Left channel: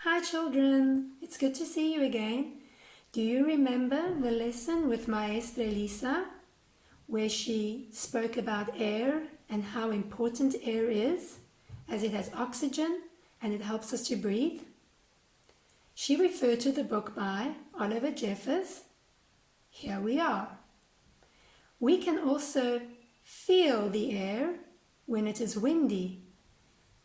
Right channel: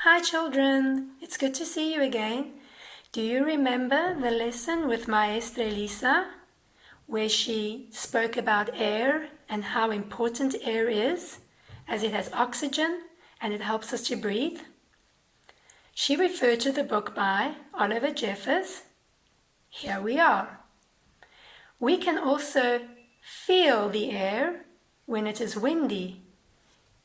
Hi children, it's good to see you again. Do you remember the lesson with Maestra Elisa, where she spoke about air and how important air is, as it has oxygen and it helps us to breathe? She referred to the book by Oliver Jeffers. Here we are. We can also feel the air when it is windy.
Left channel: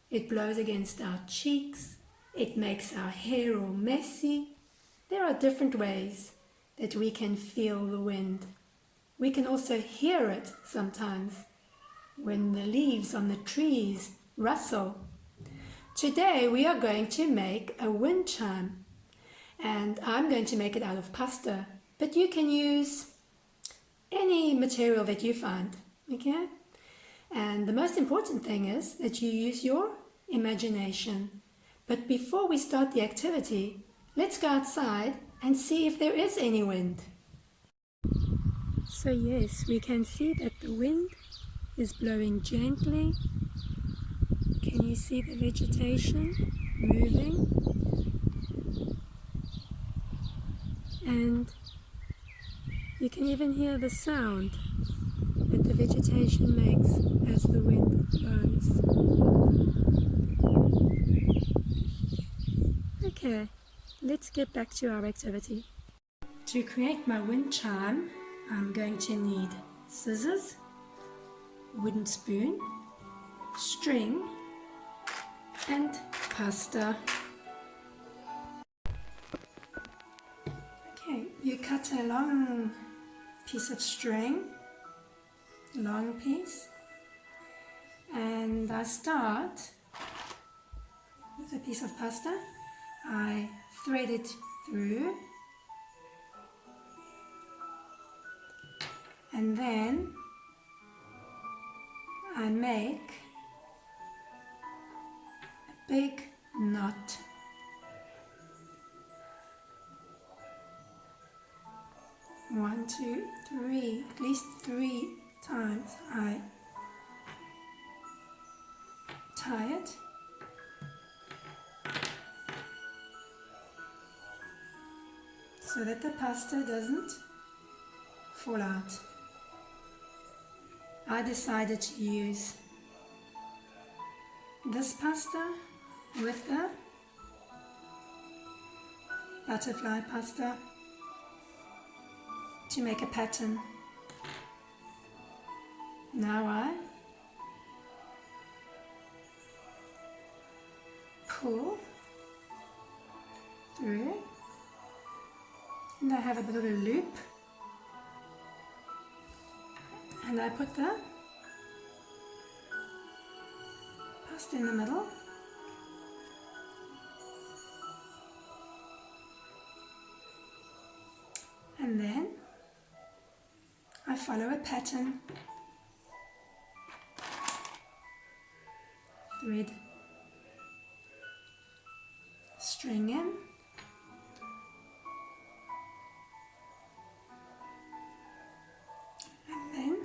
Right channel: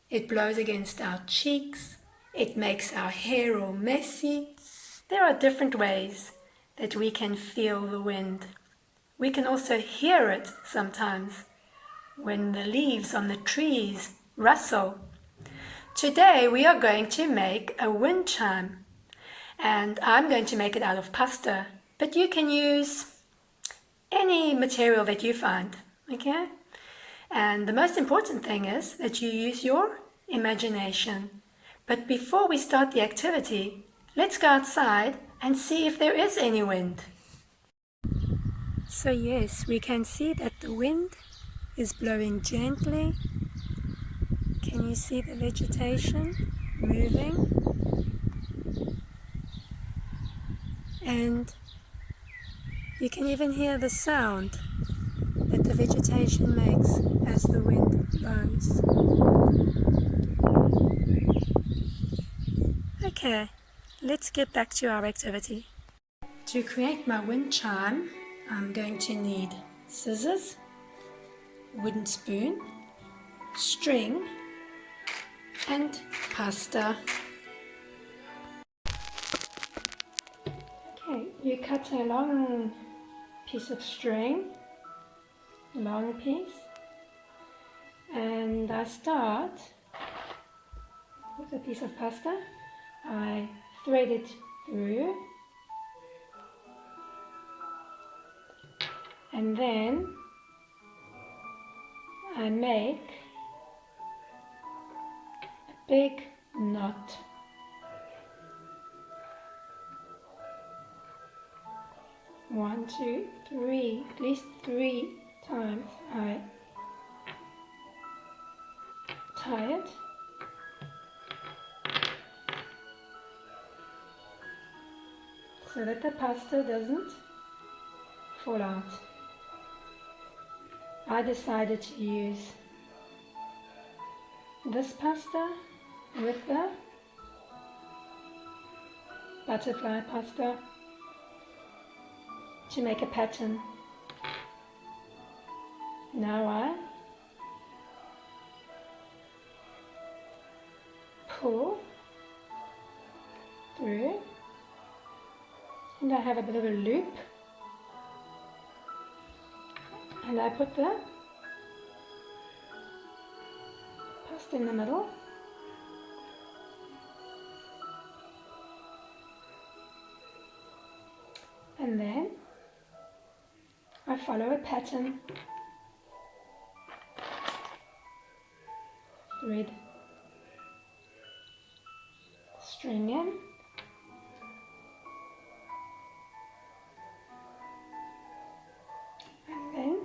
It blows against our cheeks. It makes our hair all messy. There are different ways that we can feel the wind. We can also hear it sometimes when the leaves on the trees rustle. Today we are going to make a wind chime, and I'm going to make it out of pasta, but you can use any material that you find, okay? And the most important thing is that you use your imagination. But before we start the activity, let's go outside and see if there is any wind. So yes, we can see that the wind is blowing gently. Can you see the vegetation moving? And you can even hear the sound that the vegetation makes as the wind blows. Okay, let's get back to our activity. To create my wind chime, I'm going to need scissors, wooden spoon, string, and pasta. Okay, you cut a long piece of string, long piece, and I start with a piece of pasta. I thread it through, and then I make a big knot. One, two, three, at least 3 times I tie it. So that the pasta doesn't fall out. I decided to use this pasta with the butterfly pasta to make a pattern. Now I pull through, and I have a bit of a loop, and I put the pasta in the middle, and then I follow a pattern. Thread string in, and then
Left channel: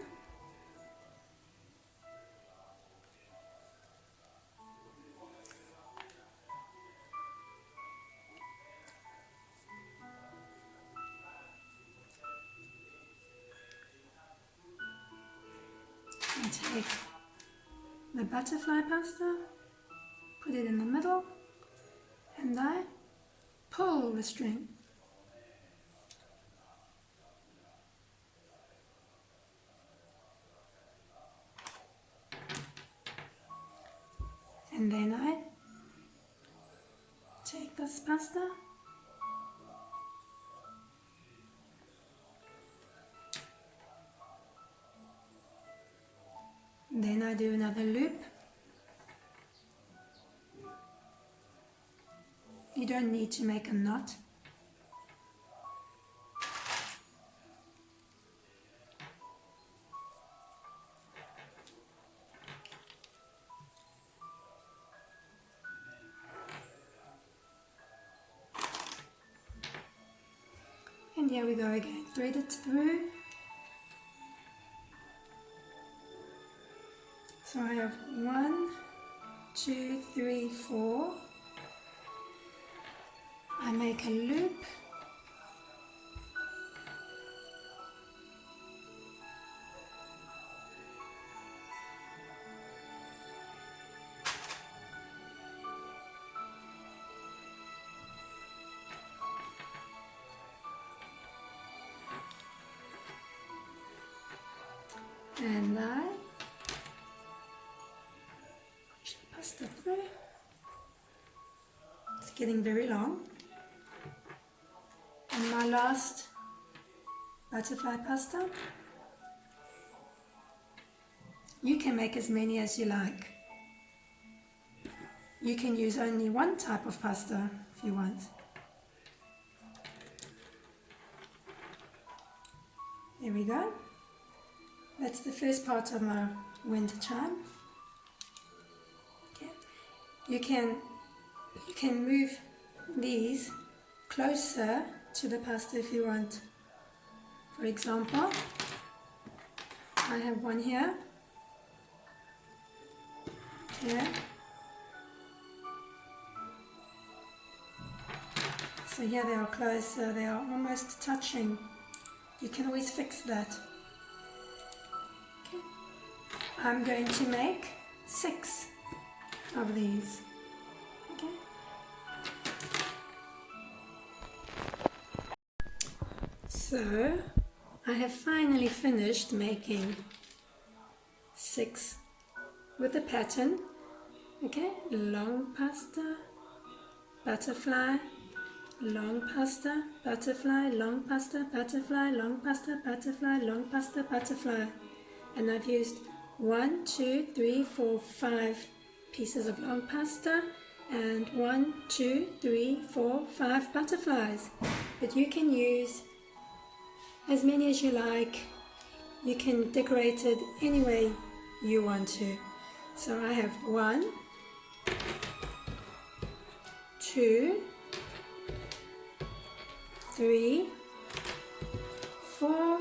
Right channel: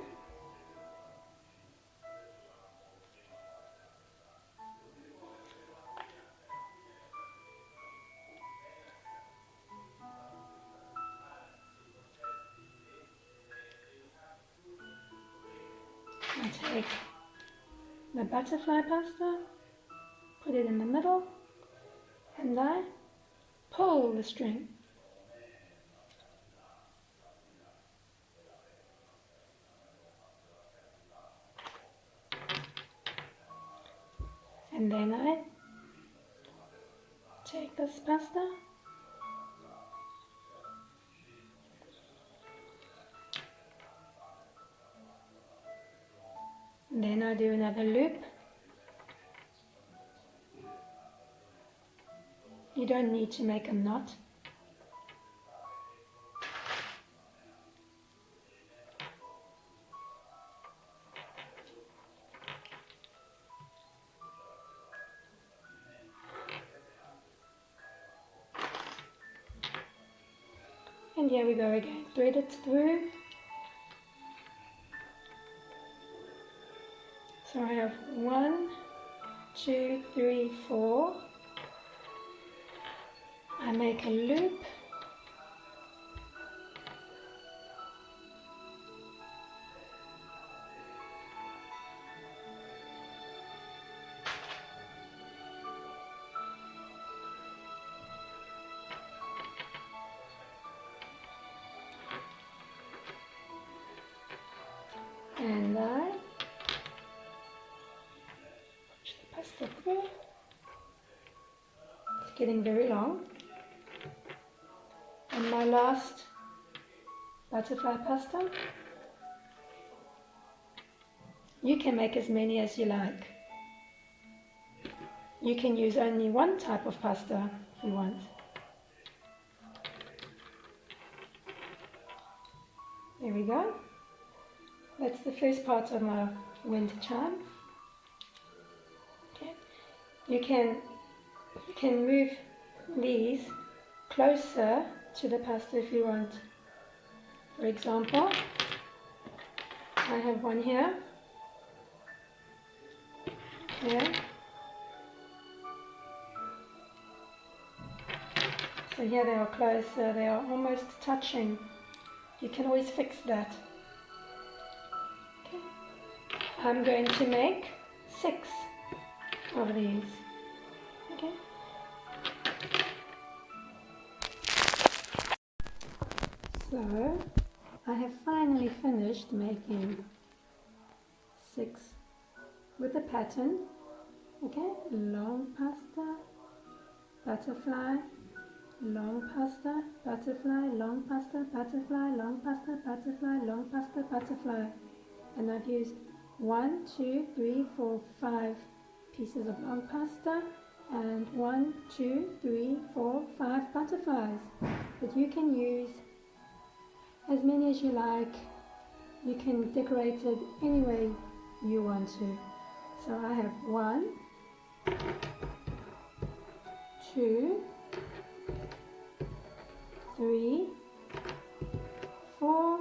I take the butterfly pasta, put it in the middle, and I pull the string. And then I take this pasta and then I do another loop. You don't need to make a knot. And here we go again. Thread it through. So I have 1, 2, 3, 4. I make a loop. And I push the pasta through. It's getting very long. And my last butterfly pasta. You can make as many as you like. You can use only one type of pasta if you want. There we go. That's the first part of my wind chime. Okay. You can move these closer to the pasta if you want. For example, I have one here. Here. So here they are closer, they are almost touching. You can always fix that. Okay. I'm going to make 6 of these. Okay. So I have finally finished making 6 with the pattern. Okay, long pasta, butterfly, long pasta, butterfly, long pasta, butterfly, long pasta, butterfly, long pasta, butterfly. And I've used 1, 2, 3, 4, 5 pieces of long pasta and 1, 2, 3, 4, 5 butterflies. But you can use as many as you like. You can decorate it any way you want to. So I have 1, 2, 3, 4,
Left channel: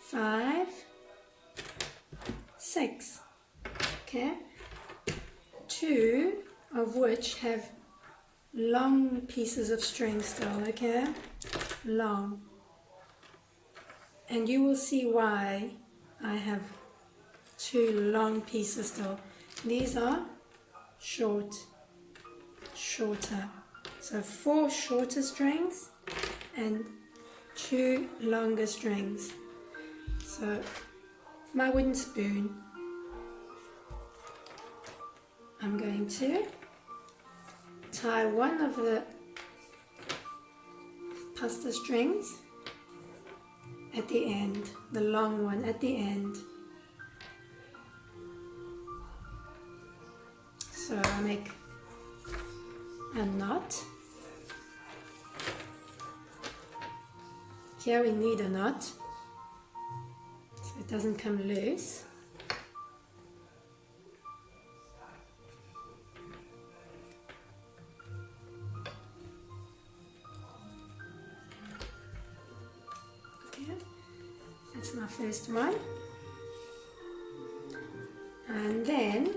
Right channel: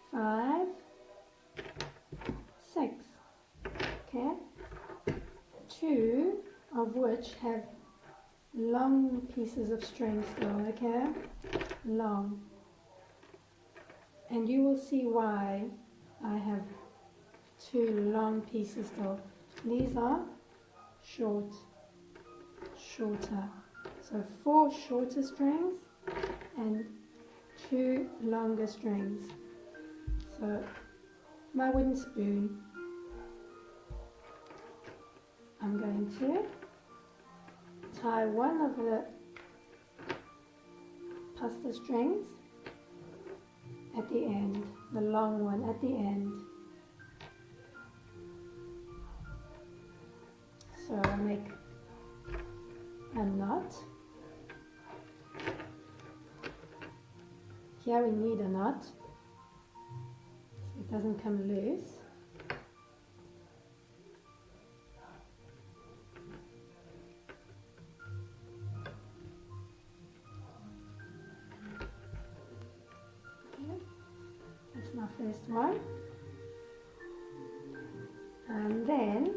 5, 6. Okay, 2 of which have long pieces of string still. Okay, long, and you will see why I have 2 long pieces still. These are shorter. So 4 shorter strings and 2 longer strings. So my wooden spoon, I'm going to tie one of the pasta strings at the end, the long one at the end. So I make a knot. Here we need a knot so it doesn't come loose. Okay, that's my first one. And then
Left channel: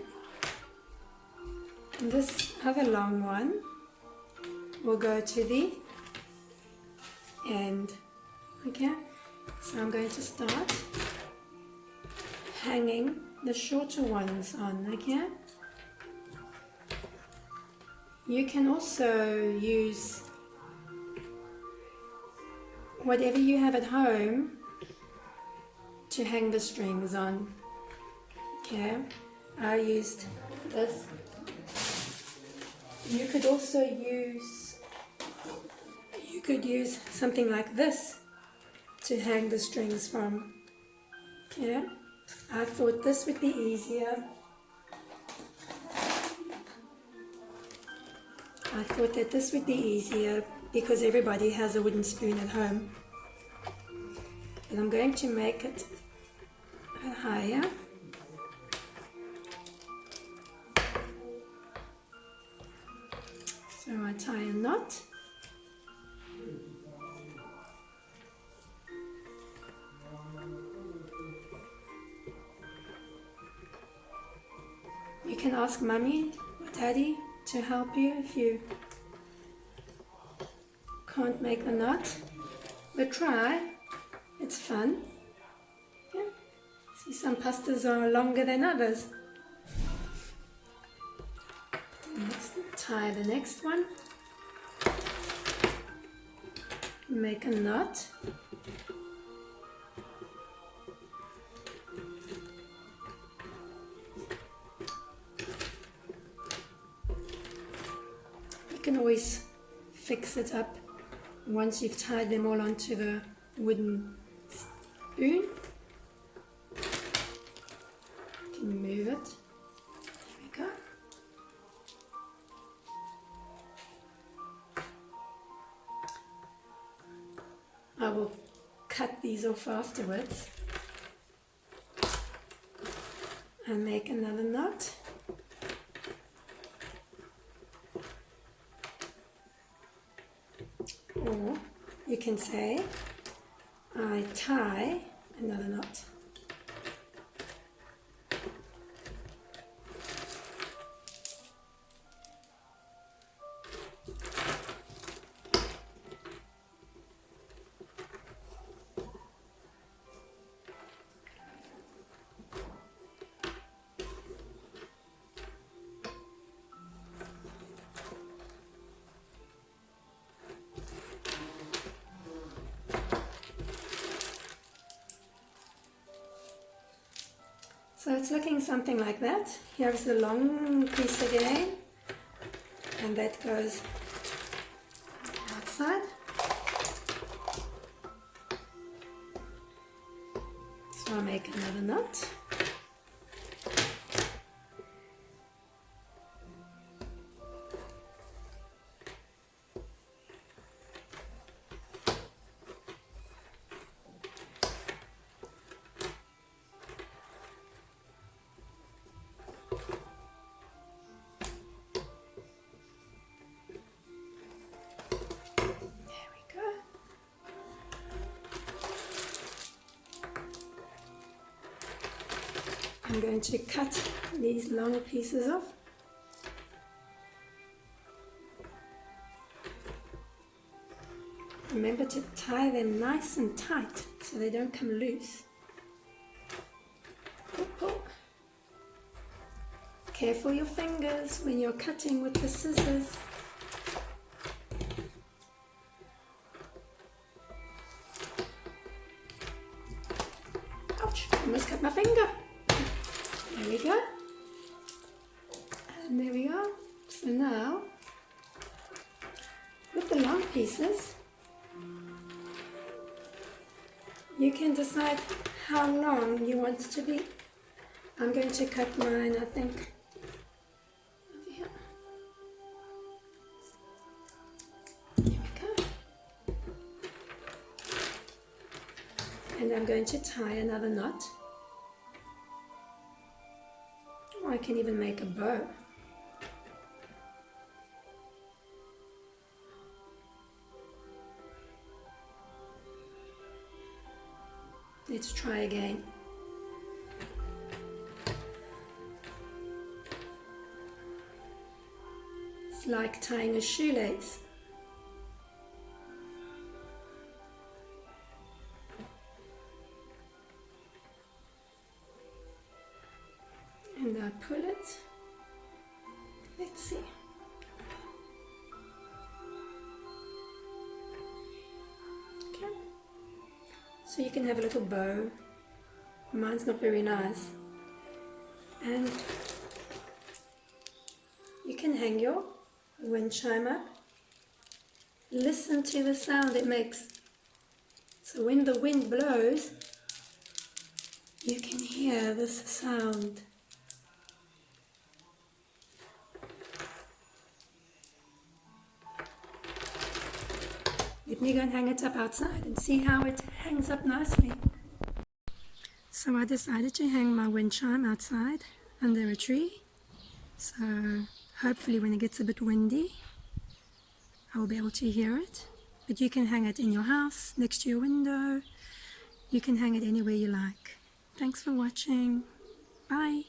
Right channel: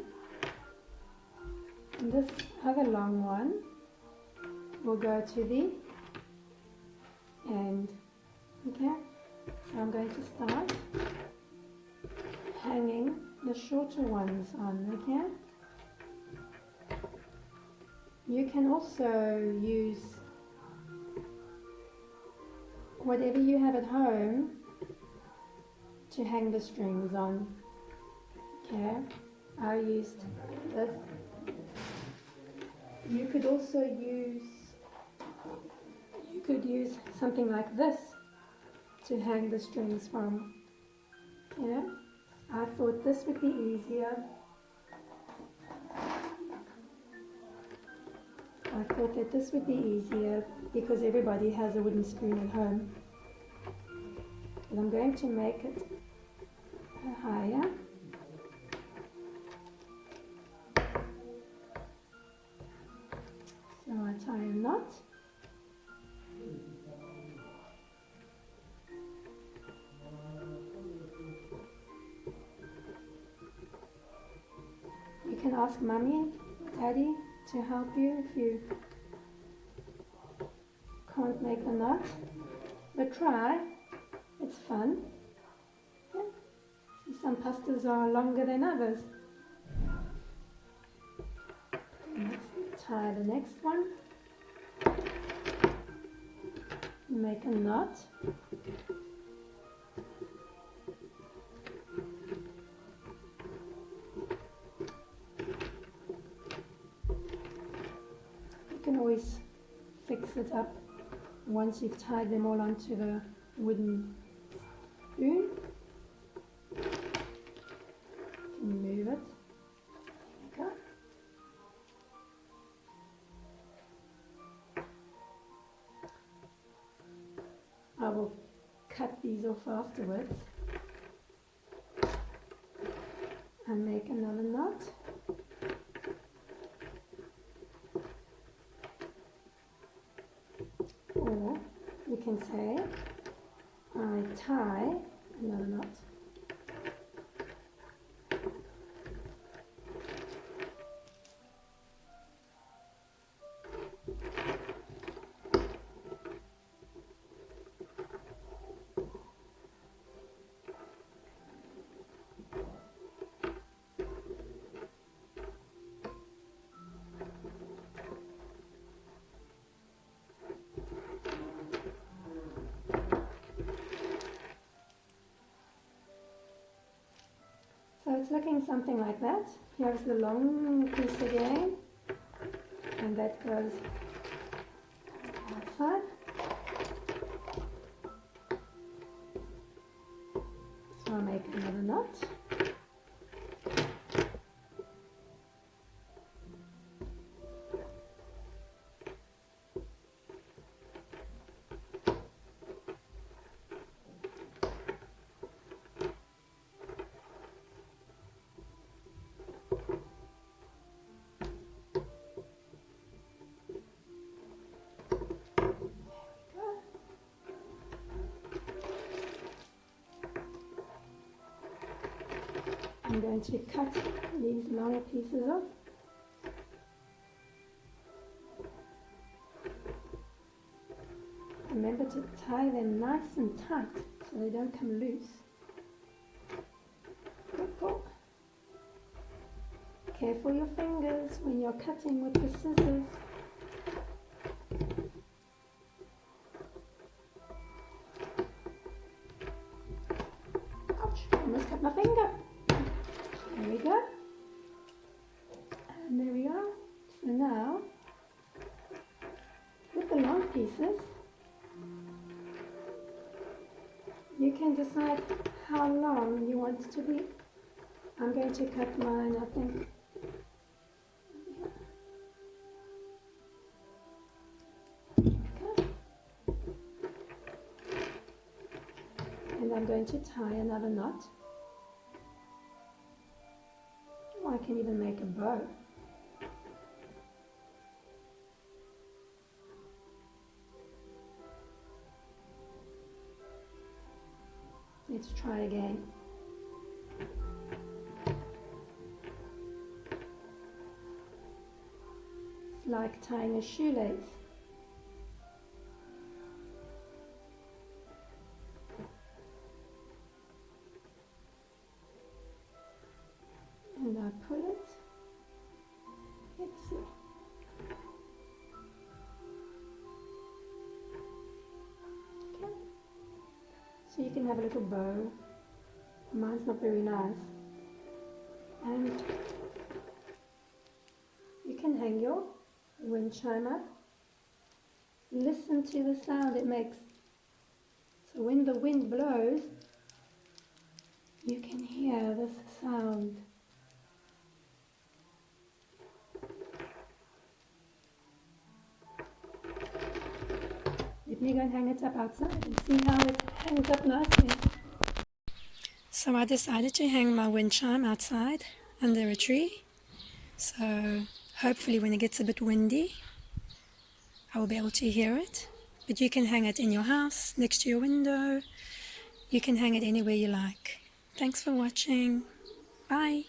this other long one will go to the end. Okay, so I'm going to start hanging the shorter ones on. Okay, you can also use whatever you have at home to hang the strings on. Okay, I used this. You could also use something like this to hang the strings from. Okay, I thought this would be easier. I thought that this would be easier because everybody has a wooden spoon at home. And I'm going to make it higher. So I tie a knot. You can ask Mummy or Daddy to help you if you can't make the knot, but try. It's fun. Yeah. See, some pastas are longer than others. Tie the next one. Make a knot. You can always fix it up once you've tied them all onto the wooden spoon. You can move it. There we go. I will cut these off afterwards and make another knot. Or you can say, I tie another knot. So it's looking something like that. Here's the long piece again, and that goes outside. So I'll make another knot. I'm going to cut these long pieces off. Remember to tie them nice and tight so they don't come loose. Careful your fingers when you're cutting with the scissors. Ouch, I almost cut my finger. There we go. And there we are. So now, with the long pieces, you can decide how long you want it to be. I'm going to cut mine, I think, over here. Here we go. And I'm going to tie another knot. Or I can even make a bow. Let's try again. It's like tying a shoelace. And I pull it. Let's see. Okay. So you can have a little bow. Mine's not very nice. And you can hang your wind chime up. Listen to the sound it makes. So when the wind blows, you can hear this sound. Let me go and hang it up outside and see how it hangs up nicely. So I decided to hang my wind chime outside under a tree. So hopefully when it gets a bit windy, I will be able to hear it. But you can hang it in your house, next to your window. You can hang it anywhere you like. Thanks for watching. Bye.